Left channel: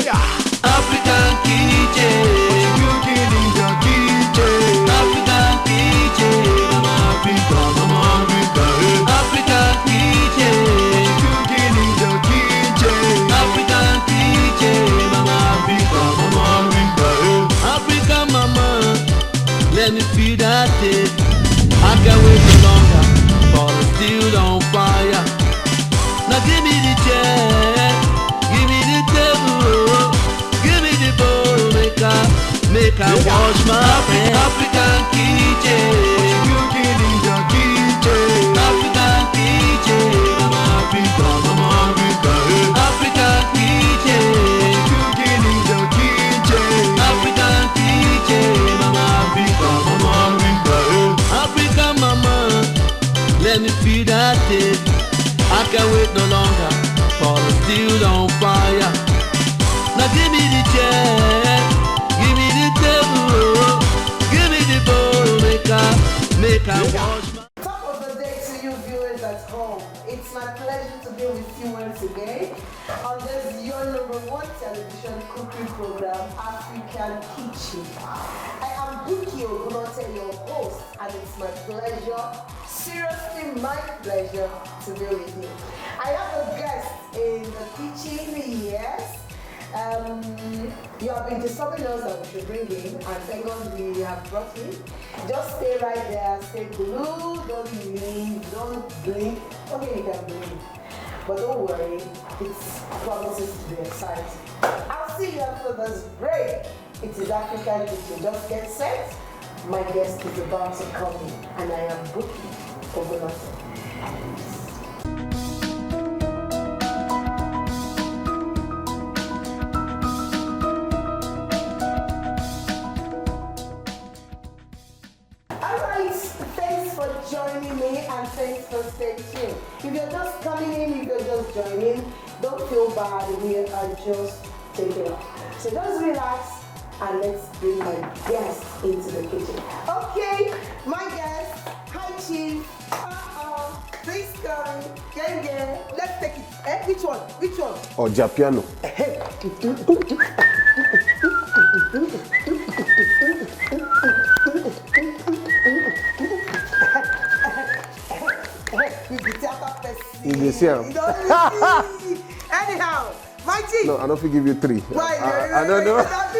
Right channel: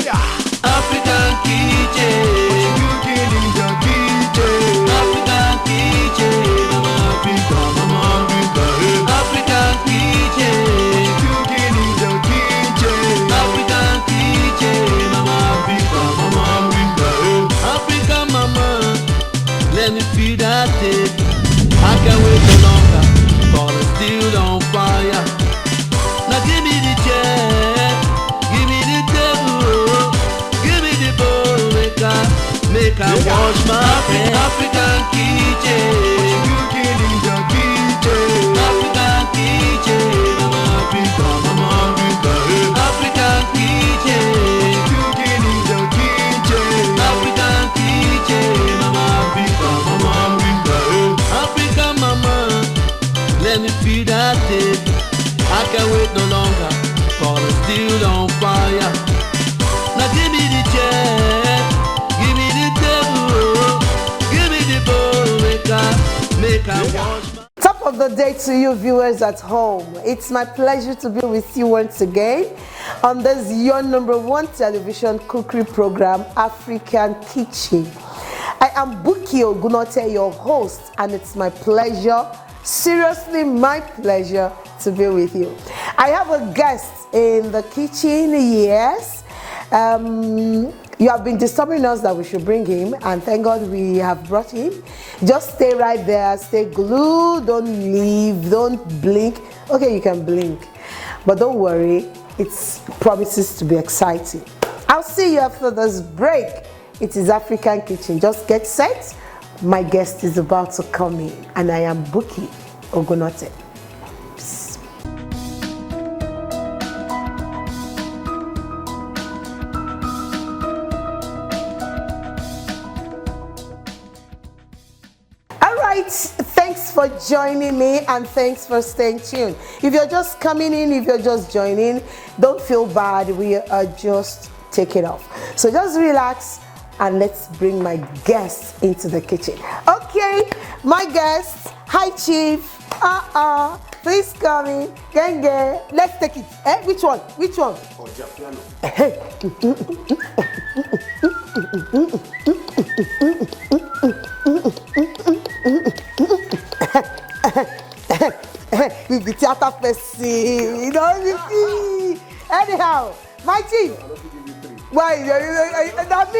African kitchen. Cooking in the kitchen. African kitchen. Mama Africa, Mama Africa. African kitchen. Cooking in the kitchen. African kitchen. Mama Africa, Mama Africa. African mama, let me feel that taste. I can't wait no longer for the steel on fire. Now give me the chair, give me the table, give me the bowl, make I wash my hands. African kitchen, cooking in the kitchen. African kitchen, Mama Africa, Mama Africa. African kitchen, cooking in the kitchen. African kitchen, Mama Africa, Mama Africa. African mama, let me feel that taste. I can't wait no longer for the steel on fire. Now give me the chair, give me the table, give me the bowl, make I wash my... Top of the day to you viewers at home. It's my pleasure to be with you once again on this your #1 television cookery program, African Kitchen. I am Buki Ogunote, your host, and it's my pleasure, seriously my pleasure, to be with you. I have a guest in the kitchen, yes. You have been disturbing us that we should bring him, and thank God we have brought him. Just stay right there, stay glued, don't leave, don't blink. Okay, you can blink, but don't worry, it promises to be exciting. I'll see you after this break. It is African Kitchen. Just get set. My guest is about to come in, and I am Buki Ogunote. Thanks for joining me, and thanks for staying tuned. If you're just coming in, if you're just joining, don't feel bad. We are just taking off. So just relax and let's bring my guest into the kitchen. Okay, my guest. Hi, Chief. Please come in. Genge. Let's take it. Which one? Which one? Oh, Japiano. The theater person. You know, anyhow, my chief. No, I don't give you 3. Why? I don't know. I've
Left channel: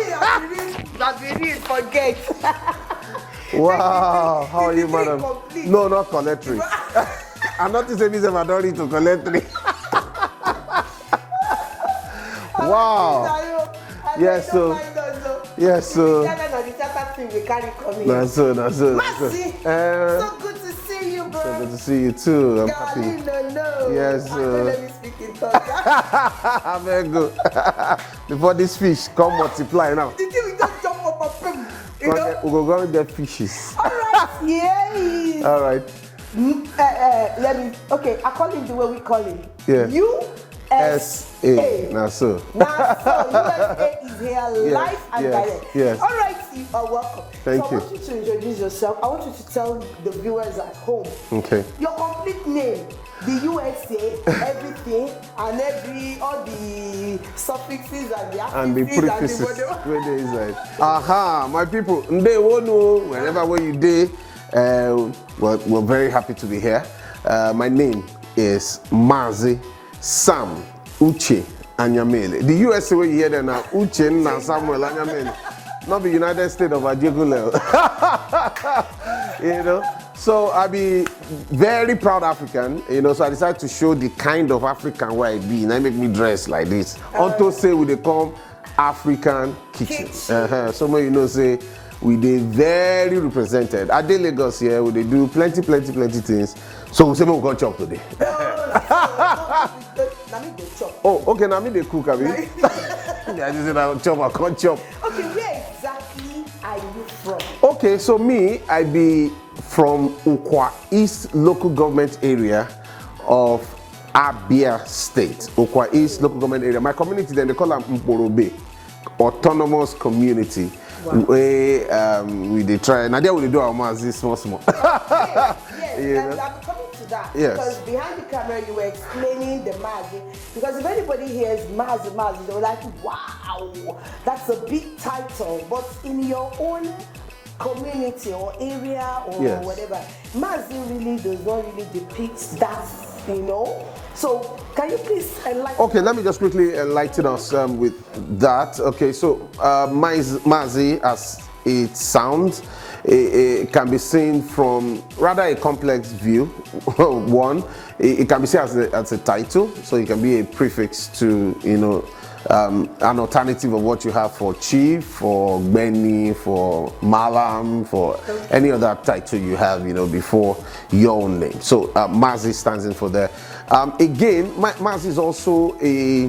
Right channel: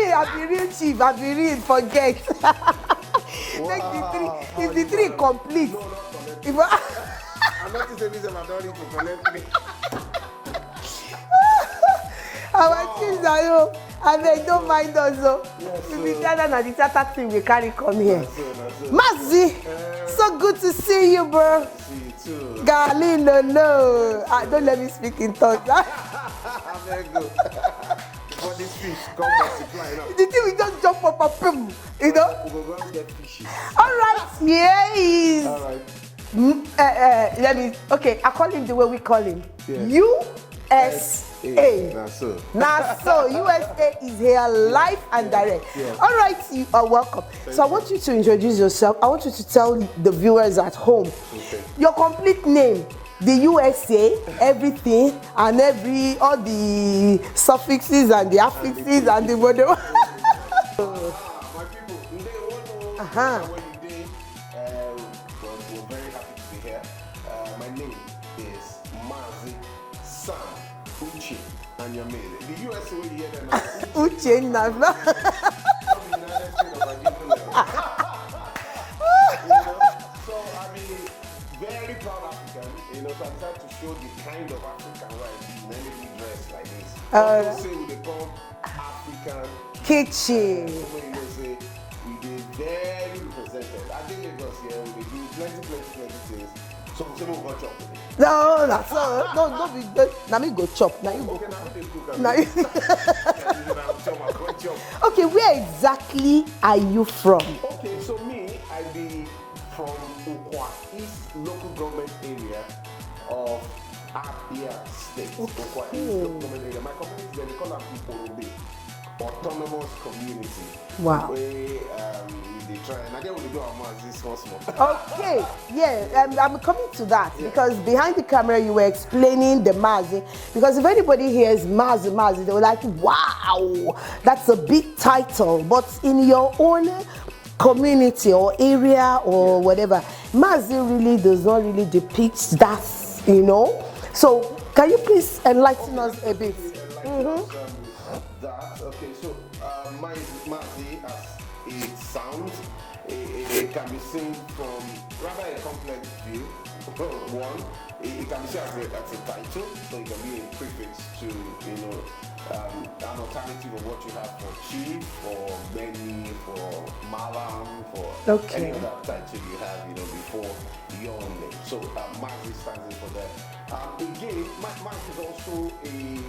been real chief. I've been real. Forget. Wow, how are you, madam? Complete. No, not collect 3. I'm not to say this, I don't need to collect 3. Wow. And yes, don't mind us, though. Yes, sir. The theater thing we carry come here. That's it, that's it. Mercy, so good to see you, bro. So good to see you too. Darling, no. Yes, I don't let me speak in tongues. I'm very good. Before this fish come multiply now. The thing we just jump up and boom, you know? We'll go and get fishes. All right, here he is. All right. Okay, I call him the way we call him. Yeah. USA. Now, so. USA is here live and direct. Yes. All right, you are welcome. Thank so I you. want you to introduce yourself. I want you to tell the viewers at home your complete name, the USA, everything, and all the suffixes and the affixes and the whatever. Aha, my people, they won't know wherever where you day. We're very happy to be here. My name is Mazi Sam Uche Anyamele. The USA where you hear them now, Uche and Samuel Anyamele. Not the United States of Ajegule. You know, so I be very proud African. You know, so I decided to show the kind of African where I be. And I make me dress like this. Also say we they come African kitchen. So when you know say we they very represented. At the Lagos here, we they do plenty things. So we say we go chop today. No, now me go chop. Oh, okay, now me they cook. I mean, I just said chop, I can't chop. Okay, where exactly are you from? Okay, so me, I be from Ukwa East local government area of Abia State. Ukwa East local government area. My community then they call them Mporobe. autonomous community. Wow. Where we dey try. Now there we do our mass this small. Okay, yes, Yeah. I'm coming to that. Yes. Because behind the camera you were explaining the Mazi. Because if anybody hears Mazi, they were like, wow, that's a big title. But in your own community or area or Yes. whatever, Mazi really does not really depict that, you know. So can you please enlighten us? Okay, let me just quickly enlighten us with that. Okay, so Mazi, as it sounds, it can be seen from rather a complex view. One, it can be seen as a title, so it can be a prefix to, you know, an alternative of what you have for chief, for Benny, for Malam, for any other title you have, you know, before your own name. So Mazi stands in for there. Again, Mazi is also a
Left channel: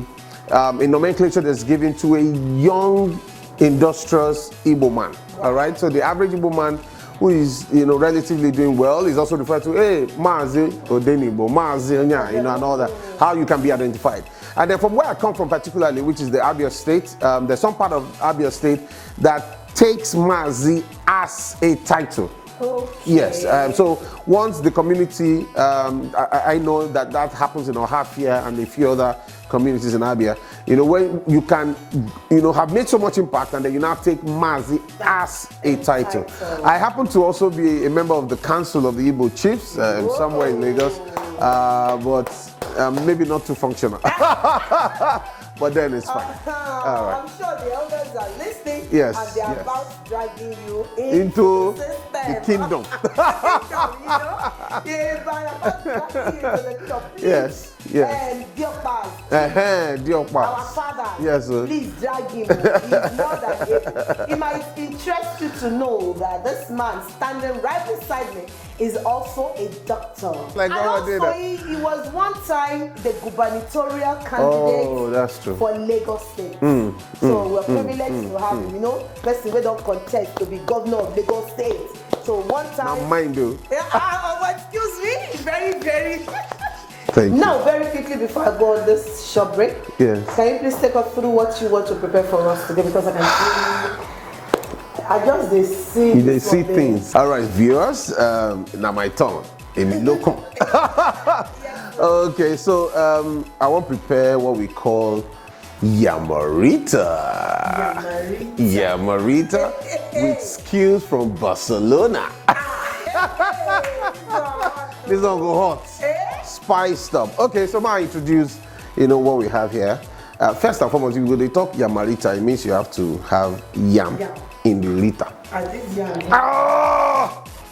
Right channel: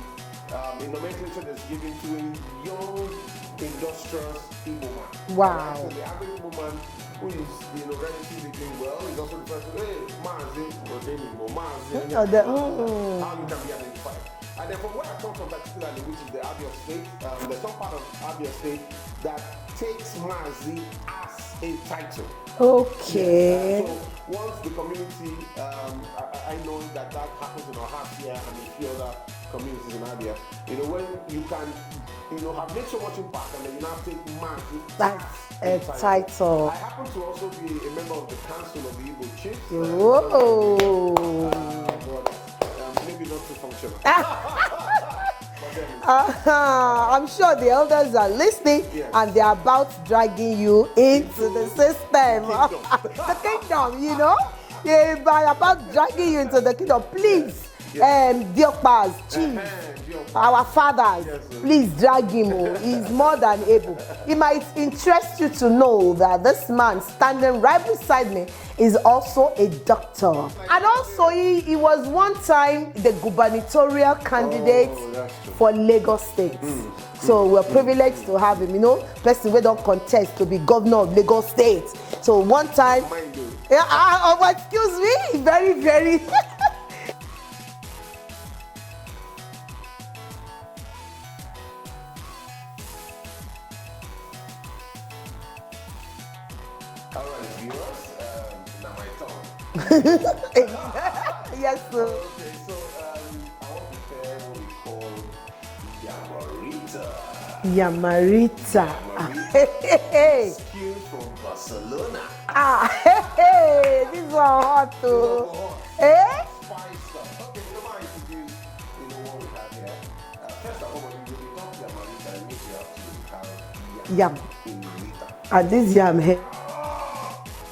nomenclature that's given to a young, industrious Igbo man. Wow. All right, so the average Igbo man who is, you know, relatively doing well is also referred to, hey, Mazi Odenibo, Mazi, you know, and all that. How you can be identified. And then from where I come from particularly, which is the Abia State, there's some part of Abia State that takes Mazi as a title. Okay. Yes, so once the community, I know that happens in Ohafia and a few other communities in Abia, you know, when you can, you know, have made so much impact and then you now take Mazi as a title. I happen to also be a member of the Council of the Igbo Chiefs, somewhere in Lagos, but maybe not too functional. But then it's fine. I'm sure the elders are listening, Yes, and they're about dragging you into the system. The kingdom. Kingdom, you know? They are about dragging you into the kingdom. Please, Diokbas, Diokbas. our fathers, Yes, sir. please drag him. He's more than able. It might interest you to know that this man standing right beside me is also a doctor. Like, and also, he was one time the gubernatorial candidate for Lagos State. So we're privileged to have him, you know, person we don't contest to be governor of Lagos State. So one time, mind you. Excuse me, very, very. Thank you. Now, very quickly before I go on this short break, Yes. can you please take us through what you want to prepare for us today? Because I can see, I just see. They see things. All right, viewers, now my turn. Yes, sir. Okay, so I want to prepare what we call Yamarita. Yamarita with skills from Barcelona. This one hot. This one go hot. Spiced up. Okay, so now I introduce, you know, what we have here. First and foremost, if they talk Yamarita, it means you have to have yam. In the liter. And this yam here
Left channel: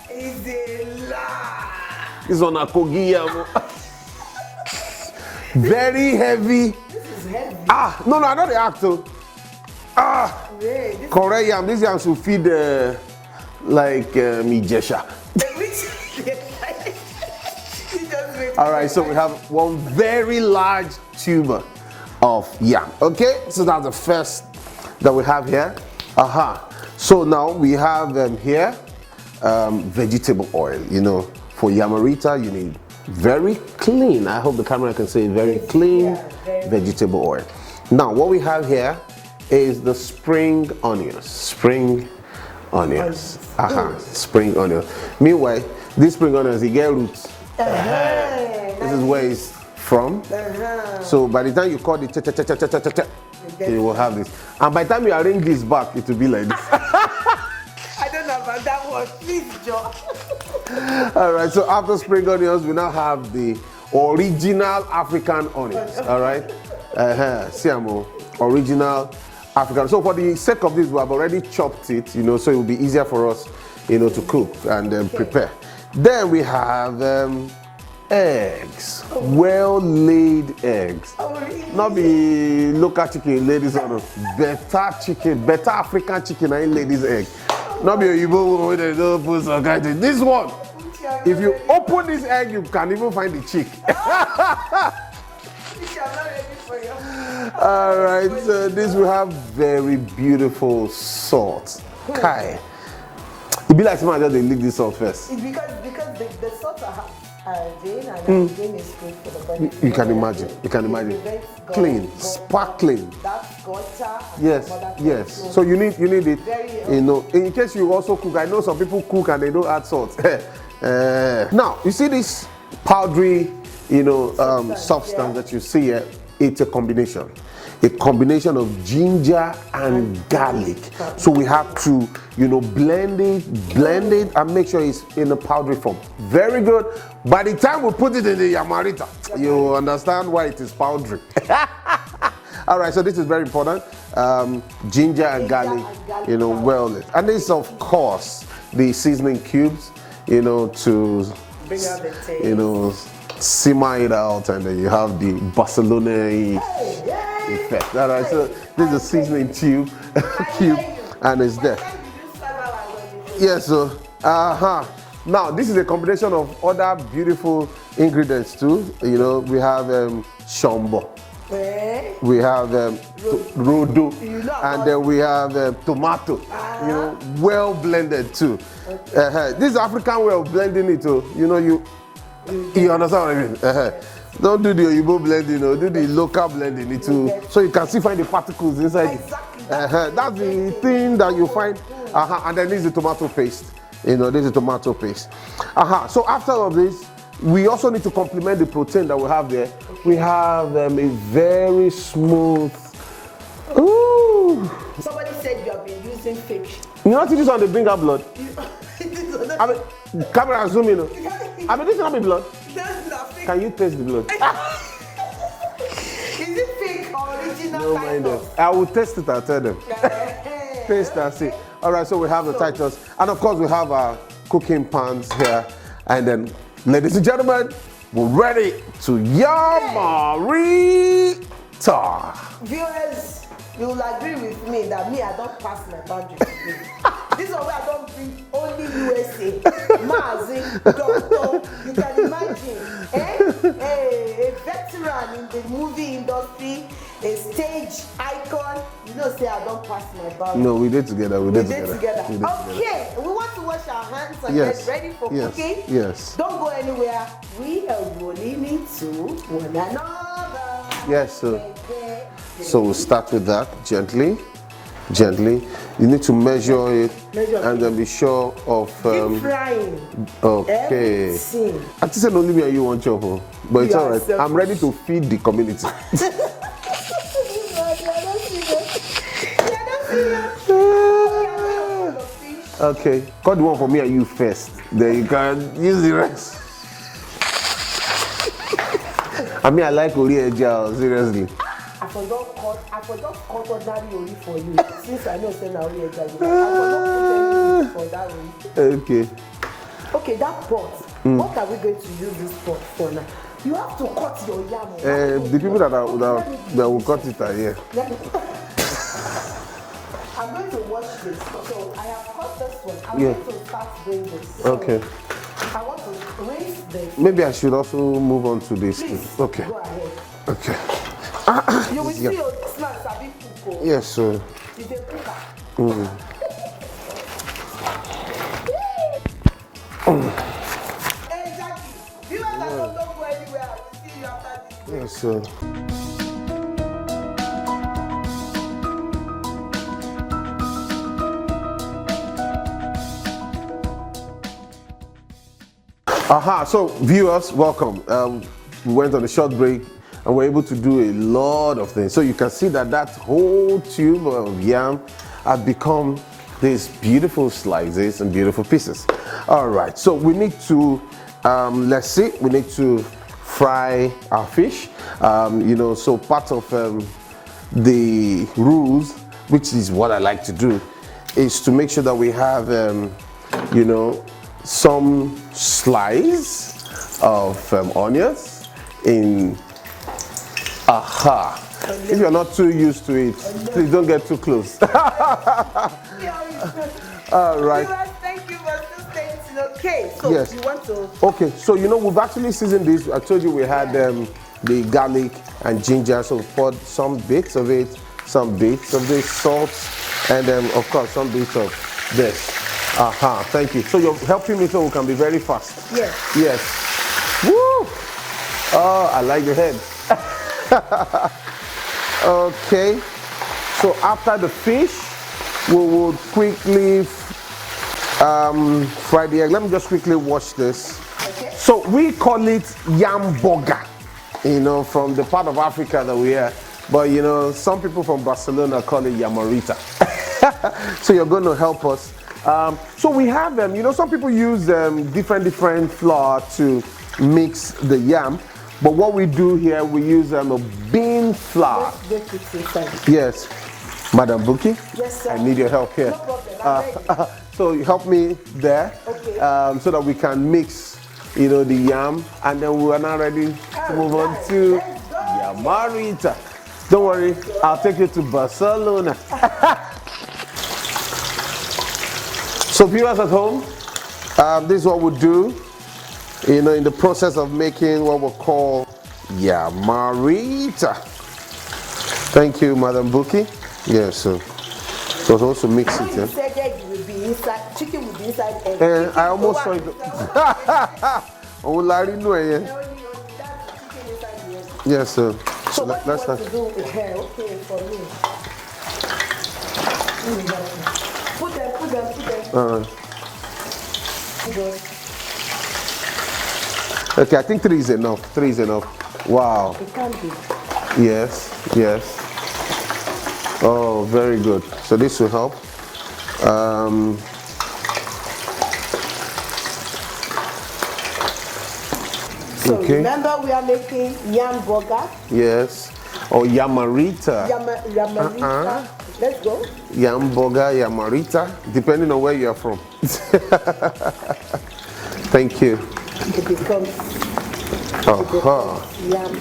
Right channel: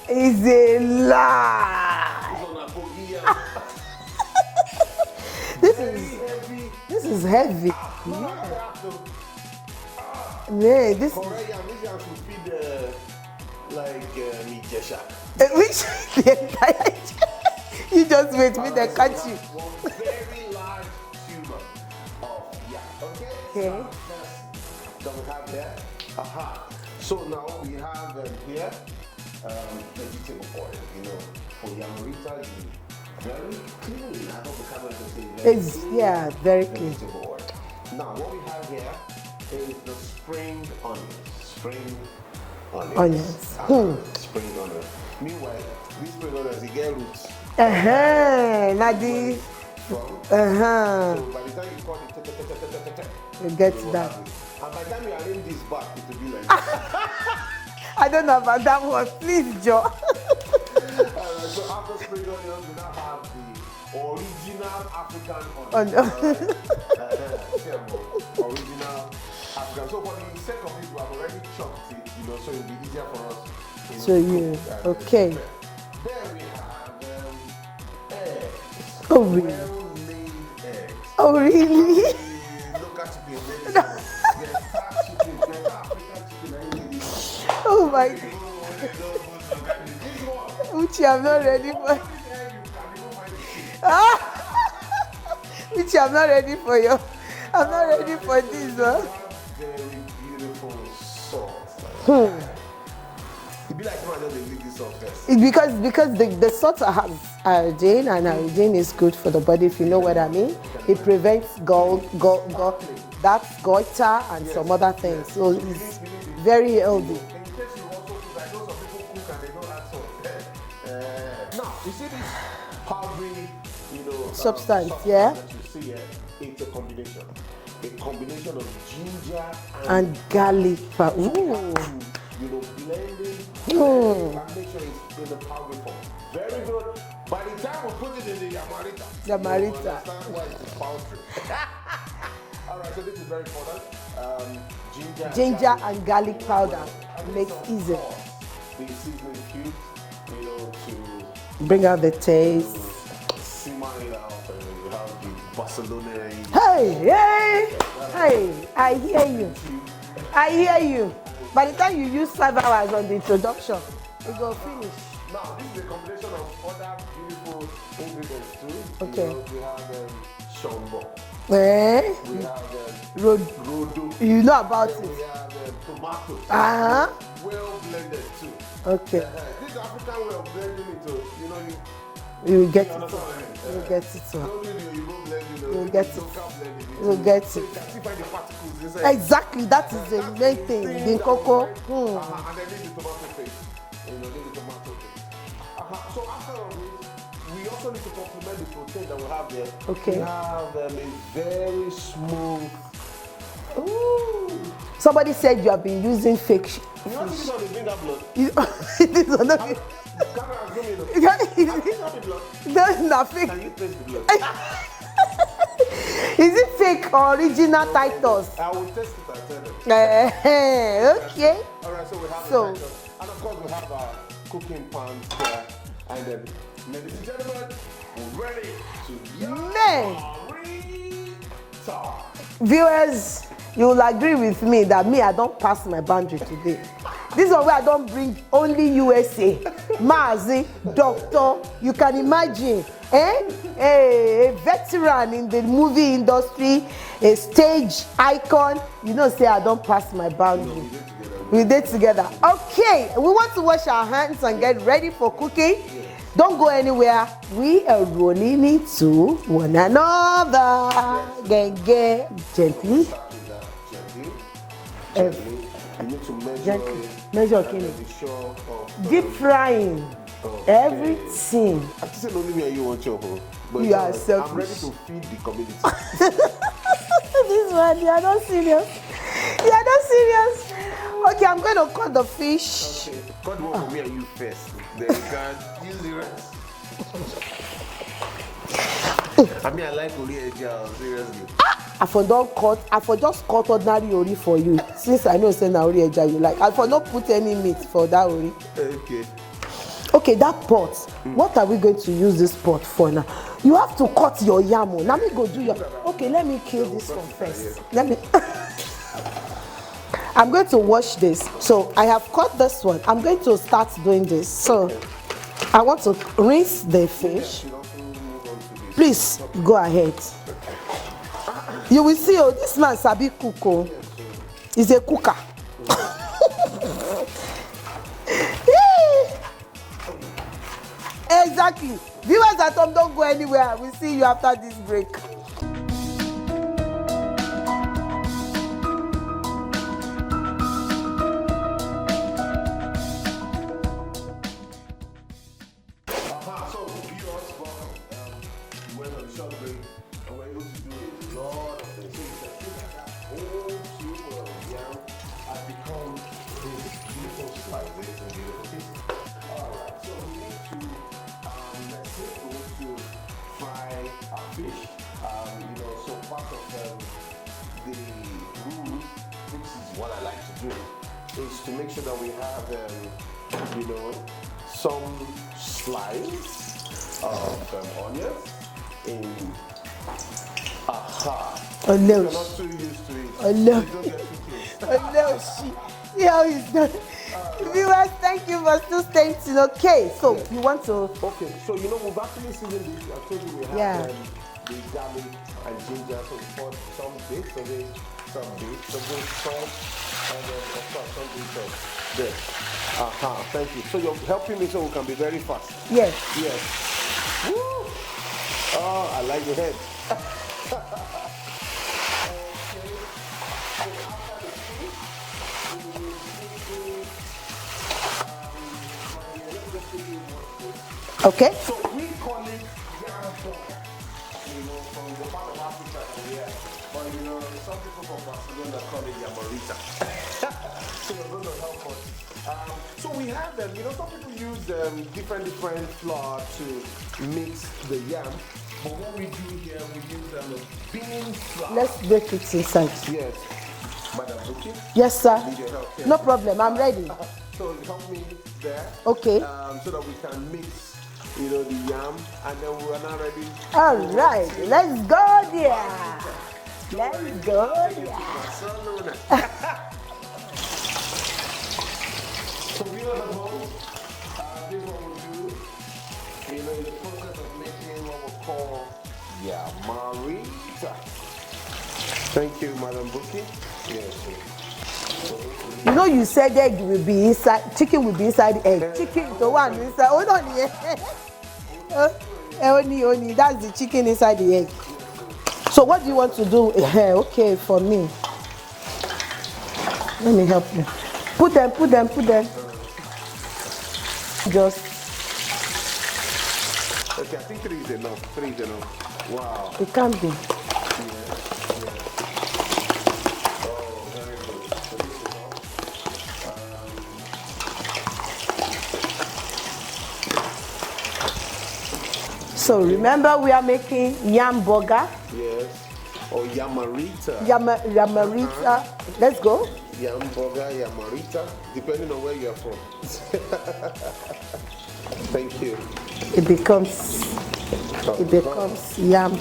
is a lie. This one a kogi yam. Very heavy. This is heavy. No, I know the actor. Yeah, this Correct yam. This yam should feed like Mijesha. You just wait. All right, so we have one very large tuber of yam. Okay, so that's the first that we have here. So now we have here vegetable oil. You know, for Yamarita, you need very clean. I hope the camera can say very clean very vegetable oil. Now, what we have here is the spring onions. Spring onions. Spring onions. Meanwhile, these spring onions, they get roots. This is where it's from. So by the time you cut it, you will have this. And by the time you arrange this back, it will be like this. I don't know about that one. Please, Joe. All right, so after spring onions, we now have the original African onions. All right? Siamo, original African. So for the sake of this, we have already chopped it, you know, so it will be easier for us, you know, to cook and prepare. Then we have eggs. Well-laid eggs. Oh, really? Not the local chicken, ladies and better chicken, better African chicken, I lay this egg. Not the Igbo one they don't put some kind of this one. If you open this egg, you can even find the chick. Which I'm not ready for you. All right, so this will have very beautiful salt. Kai. It be like someone just they leave this off first. It's because the salt has iodine, and iodine is good for the body. If you know what I mean. You can it imagine. Prevents sparkling. That's goiter and some other things. Yes. So you need it. Very you know, in case you also cook. I know some people cook and they don't add salt. Now you see this powdery, you know, substance that you see here. It's a combination of ginger and garlic. So we have to, you know, blend it and make sure it's in a powdery form. Very good. By the time we put it in the yamarita, you understand why it is powdery. All right, so this is very important. Ginger and garlic, you know, well. And this, of course, the seasoning cubes, you know, to bring out the taste. You know, simmer it out, and then you have the Barcelona effect. All right, so this is a seasoning tube. I hear you. And it's by there. the time you use 5 hours on the introduction. Yes, so now this is a combination of other beautiful ingredients too. Okay. You know, we have shombo. We have rodo, you know, and then we have tomato, you know, well blended too. Okay. This is African way of blending it too. You know, you understand what I mean? Don't do the Oyibo blending, do the local blending too. So you can still find the particles inside. Exactly, that's the thing that you find. And then this is the tomato paste. You know, this is tomato paste. So after all this, we also need to complement the protein that we have there. Okay. We have a very smooth. Ooh. Somebody said you have been using fake. You know, this on the bring out blood. Camera zoom in. I mean, this is not my blood. There's nothing. Can you taste the blood? Is it fake or original Titus? I will test it. I'll tell them. Okay. All right, so we have the Titus, and of course we have our cooking pans here, and then, ladies and gentlemen, we're ready to yamarita. Viewers, you will agree with me that I don't pass my boundary today. This is where I don't bring only USA. Mazi, doctor, you can imagine. A veteran in the movie industry, a stage icon. You know, say I don't pass my boundary. No, we did together. We did together. Okay, we want to wash our hands and get ready for cooking. Yes. Don't go anywhere. We are rolling into one another. Yes. So we'll start with that gently. You need to measure it and then be sure of deep frying. Okay. Everything. I just said only me and you want your home, but it's alright. I'm ready to feed the community. This man, you are not serious. You are not serious. Okay, I'm going to cut the fish. Okay, cut the one for me and you first. Then you can use the rest. I mean, I like ori eja, seriously. I for just cut ordinary ori for you. Since I know say na ori eja you like, I for not put any meat for that ori. Okay. Okay, that pot. What are we going to use this pot for now? You have to cut your yam. The people that will cut it are here. Let me. I'm going to wash this. So I have cut this one. I'm going to start doing this. So I want to rinse the fish. Maybe I should also move on to this. Please, go ahead. Okay. You will see, this man sabi cook. Yes, sir. He's a cooker. Exactly. Viewers at home, don't go anywhere. We'll see you after this break. Yes, sir. So viewers, welcome. We went on a short break and we're able to do a lot of things. So you can see that whole tube of yam has become these beautiful slices and beautiful pieces. All right, so we need to, we need to fry our fish. So part of the rules, which is what I like to do, is to make sure that we have, some slice of onions in If you're not too used to it, please don't get too close. All right. Viewers, thank you for still staying tuned. Okay, so you want to... Okay, so we've actually seasoned this. I told you we had the garlic and ginger, so we poured some bits of it, some bits of this salt, and then of course some bits of this. Aha, thank you. So you're helping me so we can be very fast. Yes. Yes. Woo! Oh, I like the head. Okay. So after the fish, we will quickly fry the egg. Let me just quickly wash this. Okay. So we call it yam burger, you know, from the part of Africa that we are. But you know, some people from Barcelona call it yamarita. So you're going to help us. So we have them, you know, some people use different flour to mix the yam. But what we do here, we use a bean flour. Let's break it inside. Yes. Madam Buki? Yes, sir. I need your help here. No problem, I'm ready. So you help me there. Okay. So that we can mix, you know, the yam, and then we are now ready to move on to let's go. yamarita. Don't worry, I'll take you to Barcelona. So viewers at home, this is what we do, you know, in the process of making what we call yamarita. Thank you, Madam Buki. Yes, so also mix. So you said egg will be inside, chicken will be inside egg. I almost saw it. Only, that's the chicken inside the egg. Yes, sir. So what do you want to do? Okay, for me. Let me help you. Put them. Just. Okay, I think 3 is enough. 3 is enough. Wow. It can be. Yes. Oh, very good. So this will help. So remember, we are making yam burger. Yes. Or yamarita. Yamarita. Let's go. Yam burger, yamarita, depending on where you are from. Thank you. It becomes yam.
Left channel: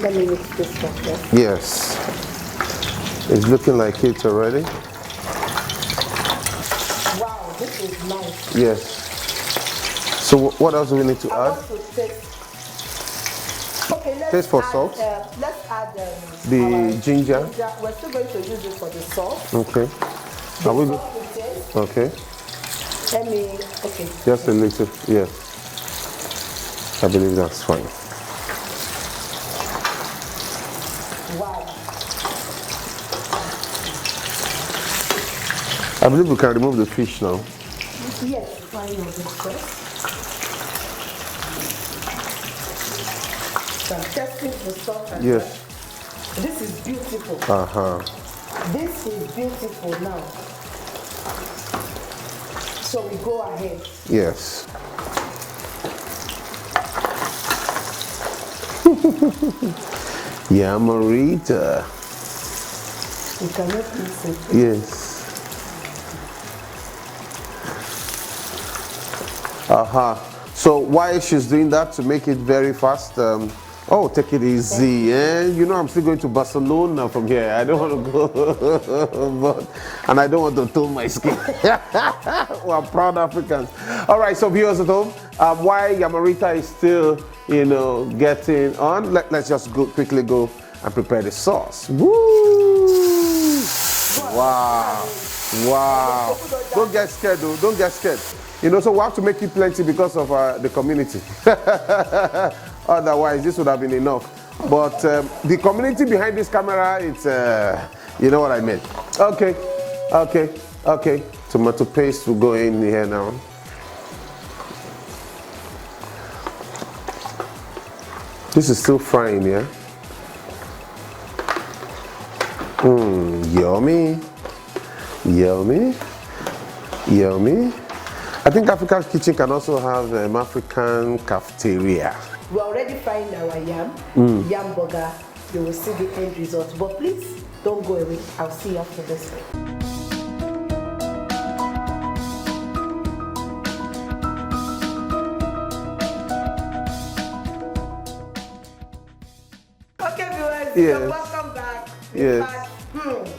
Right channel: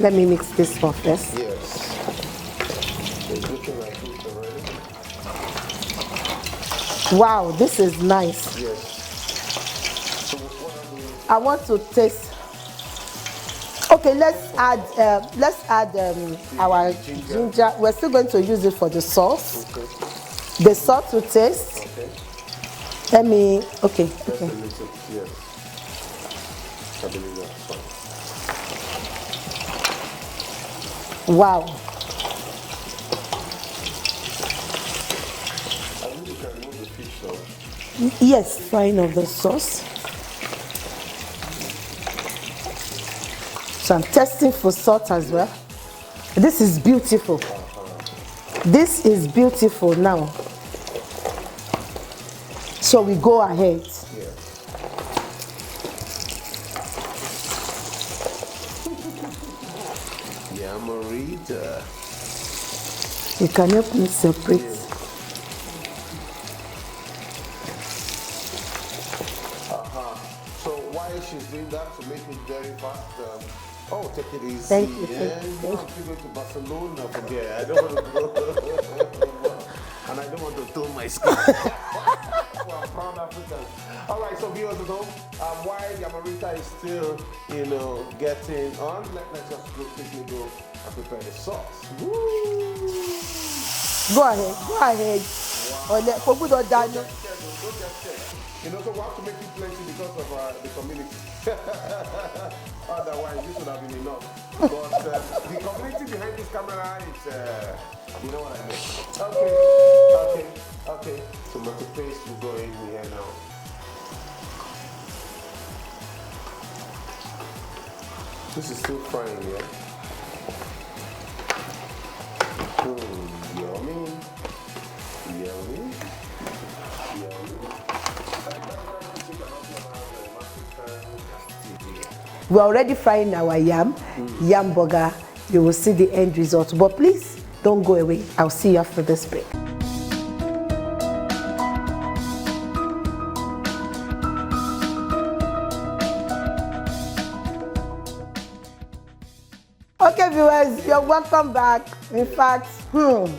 Let me mix this one first. Yes. It's looking like it already. Wow, this is nice. Yes. So what else do we need to add? I want to taste. Okay, let's add the our ginger. We're still going to use it for the sauce. Okay. The sauce to taste. Okay. Okay. Just a little, yes. I believe that's fine. Wow. I believe we can remove the fish now. Yes, fine of the sauce. So I'm testing for salt as well. This is beautiful. This is beautiful now. So we go ahead. Yes. Yamarita. You can help me separate. Yes. So why she's doing that? To make it very fast. Oh, take it easy. You know I'm still going to Barcelona from here. I don't want to go. And I don't want to tone my skin. We're proud Africans. All right, so viewers at home, while yamarita is still, you know, getting on, let's just quickly go and prepare the sauce. Woo! Go ahead. Wow. Don't get scared, though. Don't get scared. You know, so we have to make it plenty because of the community. Otherwise, this would have been enough. But the community behind this camera, it's, you know what I mean. Okay. Tomato paste will go in here now. This is still frying, yeah? Yummy. I think African Kitchen can also have an African cafeteria. We're already frying our yam burger. You will see the end result. But please, don't go away. I'll see you after this break. Okay, viewers, you're welcome back. In fact,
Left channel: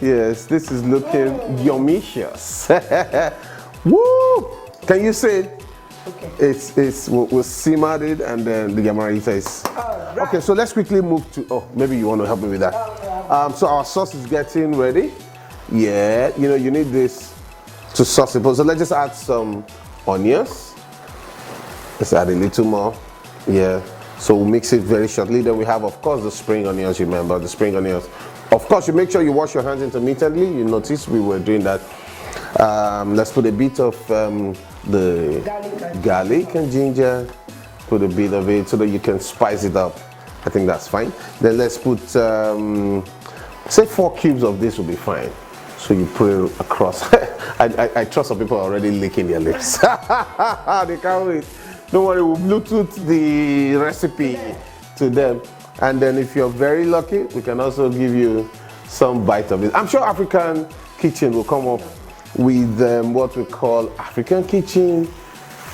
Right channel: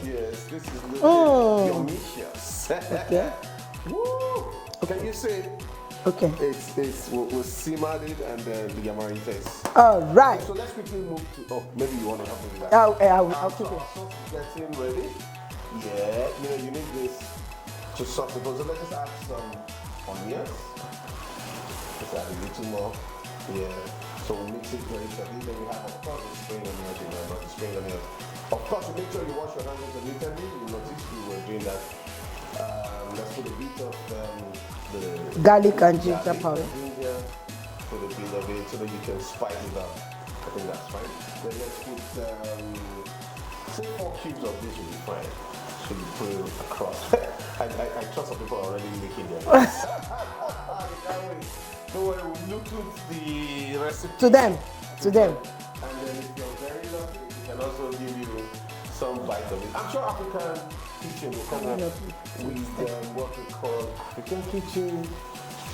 yes, this is looking yumicious. Woo! Can you say? Okay. We'll simmer it, and then the yamarita is. Right. Okay, so let's quickly move to. Oh, maybe you want to help me with that. I will. So our sauce is getting ready. Yeah, you know, you need this to sauce it. So let's just add some onions. Let's add a little more. Yeah. So we'll mix it very shortly. Then we have, of course, the spring onions. Remember the spring onions. Of course, you make sure you wash your hands intermittently. You notice we were doing that. Let's put a bit of the Garlic and ginger. Put a bit of it so that you can spice it up. I think that's fine. Then let's put, say 4 cubes of this will be fine. So you put it across. I trust some people are already licking their lips. They can't wait. Don't worry, we'll Bluetooth the recipe to them. And then if you're very lucky, we can also give you some bite of it. I'm sure African Kitchen will come up with what we call African Kitchen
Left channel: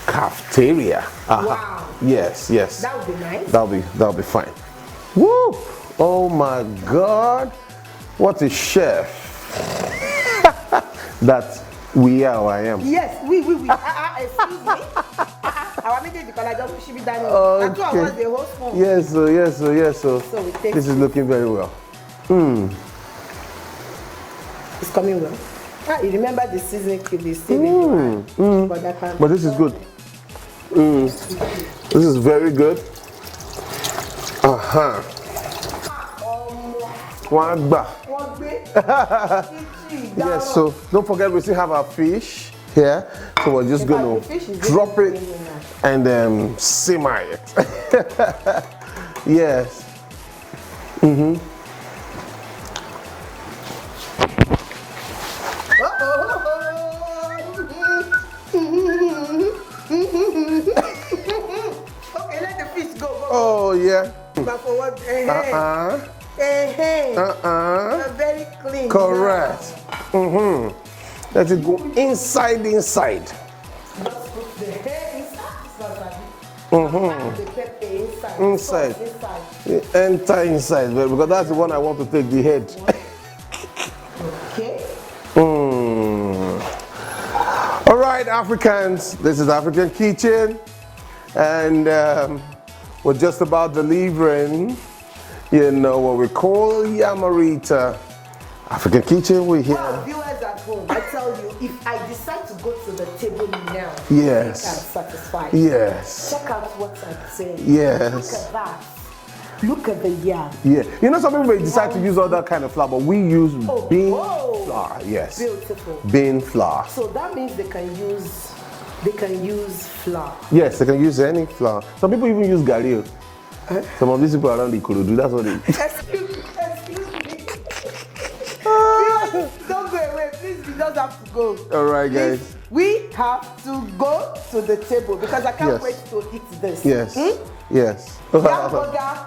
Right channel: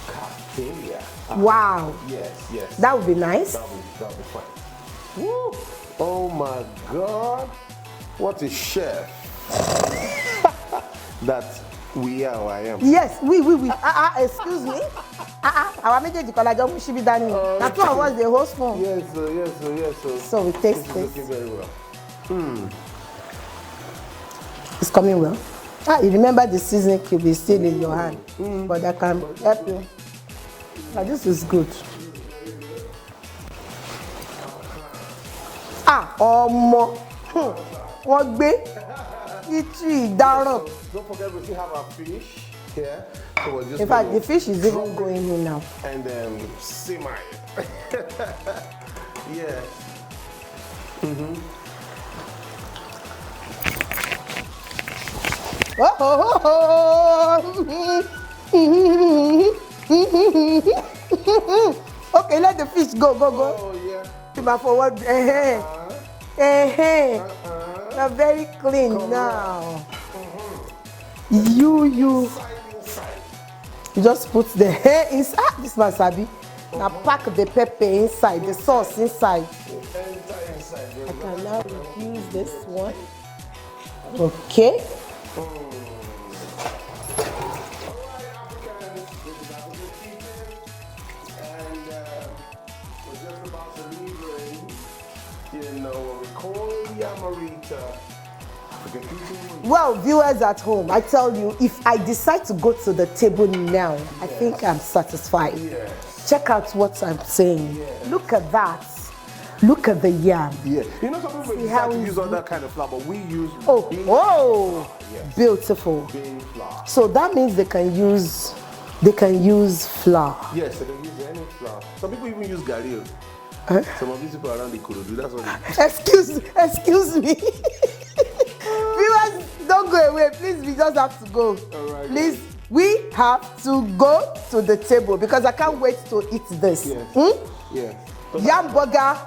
Cafeteria. Wow. Yes. That would be nice. That'll be fine. Woo! Oh my God! What a chef that we are. I am. Yes, we. Excuse me. Our meeting should be done. That's what was the host for. Yes. So we taste this is looking very well. It's coming well. You remember the seasoning cube is still in your hand. But this is good. This is good. This is very good. One Yes, so don't forget we still have our fish here. So we're just going to drop it and simmer it. Yes. Okay, let the fish go. Oh, yeah. But for what? You're very clean. Correct. Let it go inside. You just put the hair inside. This man sabi. Pack the pepper inside, the sauce inside. Enter inside, because that's the one I want to take, the head. Okay. All right, Africans, this is African Kitchen, and we're just about delivering, what we call Yamarita. African Kitchen, we're here. Well, viewers at home, I tell you, if I decide to go to the table now, yes, I think I'm satisfied. Yes. Check out what I'm saying. Yes. Look at that. Look at the yam. Yeah. Some people may decide to use other kind of flour, but we use bean flour. Yes. Beautiful. Bean flour. So that means they can use flour. Yes, they can use any flour. Some people even use garri. Some of these people around the Ikorodu, that's what they Excuse me. Don't go away, please. We just have to go. All right, guys. Please, we have to go to the table because I can't wait to eat this. Yes. Yes. Yam burger,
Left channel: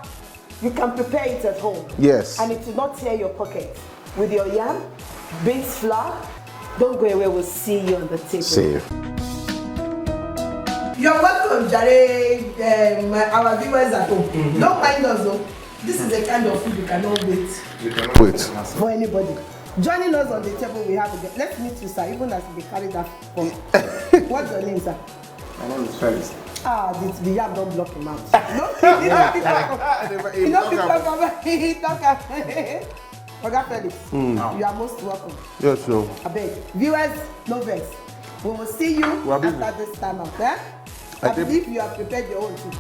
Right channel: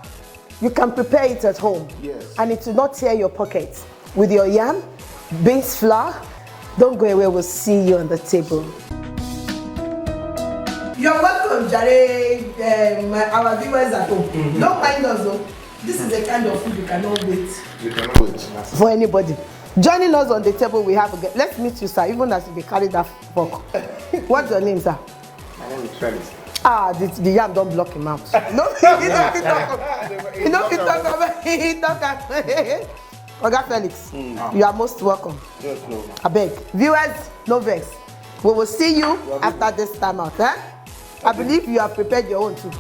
you can prepare it at home. Yes. And it will not tear your pocket. With your yam, beans flour, don't go away. We'll see you on the table. See you. You're welcome, Jare, our viewers at home. Don't mind us though. This is the kind of food you cannot wait. You cannot wait. For anybody. Joining us on the table, we have a let's meet you, sir, even as we carry that fork. What's your name, sir? My name is Felix. The yam don't block him out. No, he don't talk about it. Oga Felix, you are most welcome. Yes, no. I beg. Viewers, no vex. We will see you after this time out. I believe you have prepared your own too.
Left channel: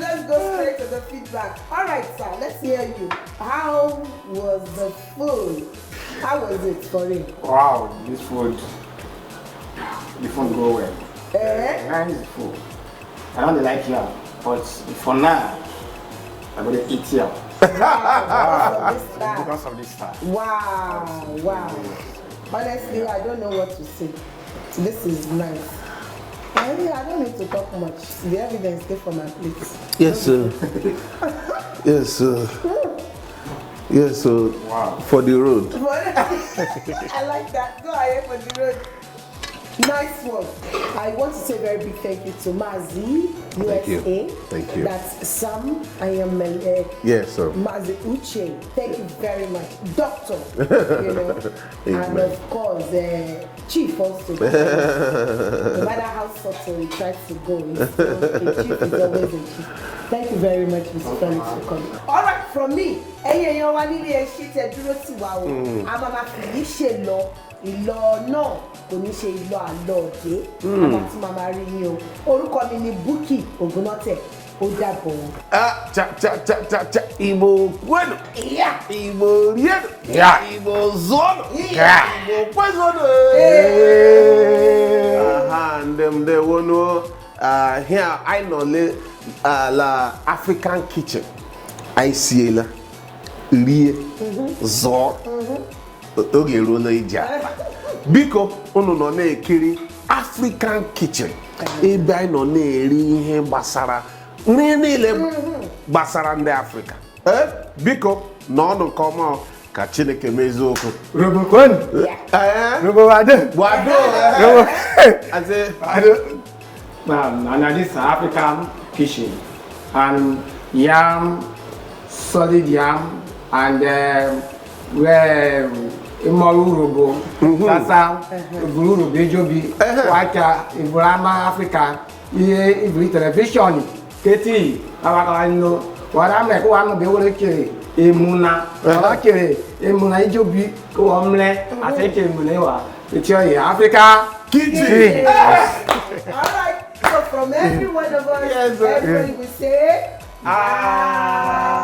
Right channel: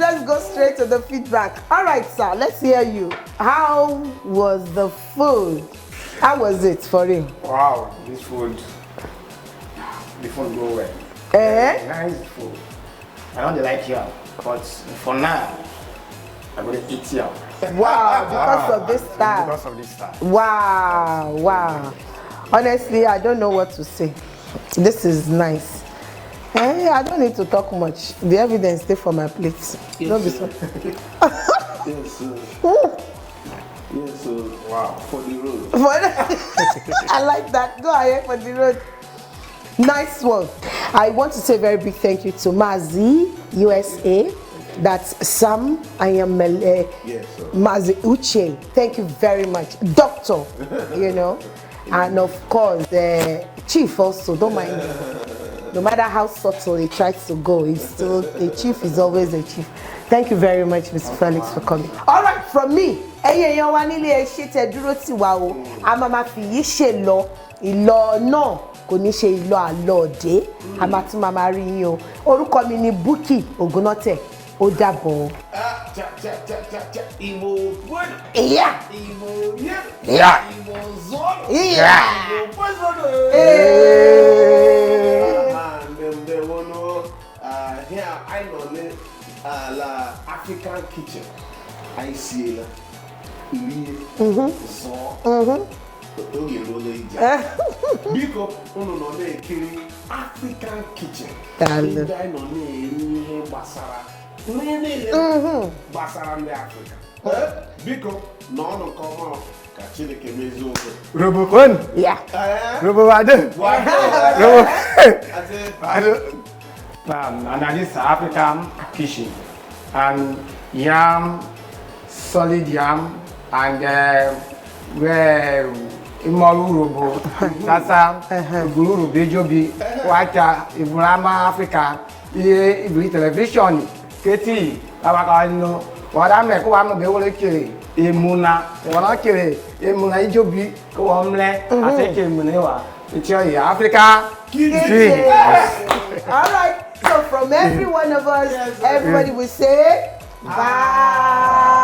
Let's go straight to the feedback. All right, sir, let's hear you. How was the food? How was it for you? Wow, the food go well. Nice food. I don't like yam, but for now, I'm going to eat yam. Wow, because of this style. Wow. Honestly, I don't know what to say. This is nice. I don't need to talk much. The evidence stay for my plate. Yes, sir. Yes, sir. Yeah, so for the road. I like that. Go ahead for the road. Nice one. I want to say a very big thank you to Mazi, USA. Thank you. That's Sam. I am Yes, sir. Mazi Uche. Thank you very much. Doctor, you know. And of course, the chief also. Don't mind. No matter how subtle he tries to go, he's still, the chief is always a chief. Thank you very much, Mr. Felix, for coming. All right, from me, ẹ̀yin wa nílé ṣe tẹ́ dúró tì wá o. A máa fi yìí ṣe lọ. Ìlọ náà kò ní ṣe ìlọ àlọ́ọ̀dé. Àbá tún máa rí yín o. Orúkọ mi ni Bukky Ògúnnọ́tẹ̀. Ó dàbọ̀. Igbo bueno. Yeah. Igbo bien. Yeah. Igbo zolo. Yeah. Igbo pues and they want to here I know la African kitchen. I see la rie zo. Oge rola ija. Biko unu no na ekiri African kitchen. Ebe anyị nọ na-eri ihe gbasara nri niile gbasara ndị Africa. Biko n'ọnụ nke ọma ka Chineke mezie okwu. Robocon. Robowade. Wado. And this African kitchen and yam, solid yam, and Imorurobo, Sasa, Iburu, Bejobi, Wacha, Ibrama, Africa, Ibri television, Keti, Avacano, what I'm like, I'm the Kiri, Emuna, Kiri, Emuna Ijobi, Omle, I take Emunewa, it's your Africa. All right. So from every one of us, everybody will say bye.